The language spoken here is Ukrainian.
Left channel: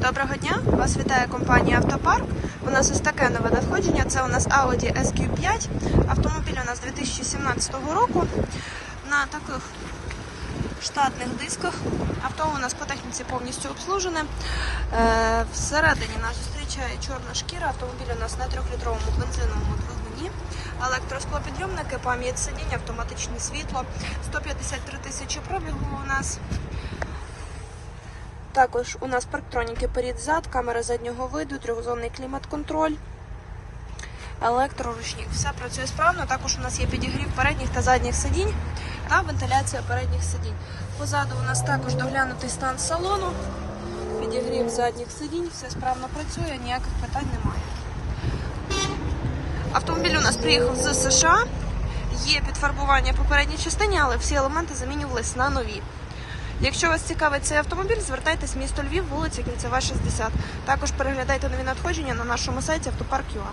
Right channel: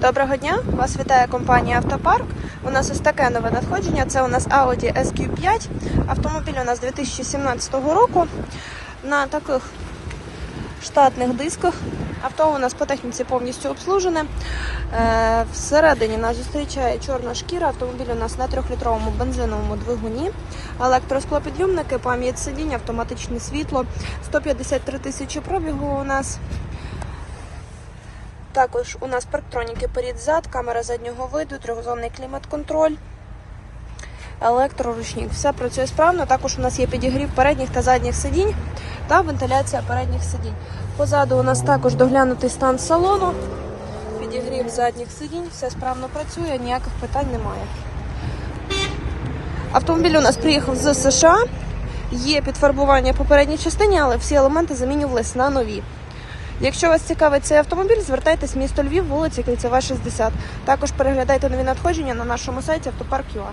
Доброго дня! Вас вітає компанія Автопарк. У нас ось таке нове надходження. Це у нас Audi SQ5. Автомобіль у нас 2017 року. На таких штатних дисках. Авто у нас по техніці повністю обслужене. Е, Всередині нас зустрічає чорна шкіра. Автомобіль у нас на 3-літровому бензиновому двигуні. Електросклопідлюмники, пам'ять сидінь, автоматичне світло. 153 тисячі пробігу у нас. Також у нас парктроніки перед-зад, камера заднього виду, трьохзонний клімат-контроль, електроручник. Все працює справно. Також у нас є підігрів передніх та задніх сидінь та вентиляція передніх сидінь. Позаду у нас також доглянутий стан салону, підігрів задніх сидінь, все справно працює, ніяких питань немає. Автомобіль у нас приїхав з США. Є підфарбування по передній частині, але всі елементи замінювались на нові. Якщо вас цікавить цей автомобіль, звертайтесь в місто Львів, вулиця Кільцева, 60. Також переглядайте нові надходження на нашому сайті автопарк.ua.